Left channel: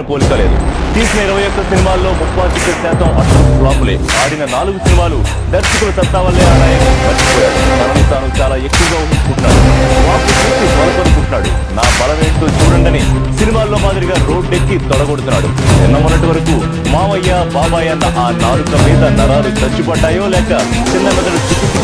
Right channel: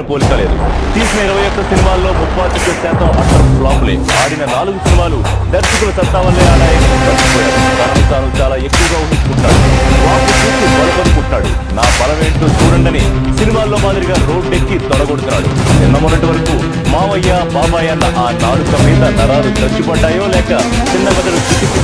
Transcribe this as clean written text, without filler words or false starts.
పోలిక లేదు. తీసిన 21 సినిమాల్లో 35% అట్టర్ ఫ్లాపులే. ఆడిన 4 సినిమాలు దర్శకుల సత్తా వల్లే ఆడాయని మర్చిపోయాడు. తనని తాను చాలా ఎక్కువగా ఊహించుకుంటున్నాడు. వాపు చూసి బలపరుకుంటున్నాడు. నా బలమేంటో చూడండి సినిమాల్లో మాదిరిగా రోడ్డెక్కి తొడగొడుతున్నాడు. నిన్న మొన్నటి వరకు మావయ్య బాబాయ్ అన్న ఆ నాలుక మీద నరాలు చచ్చిపడ్డాయో లేక చిన్న మెదడు చిక్కి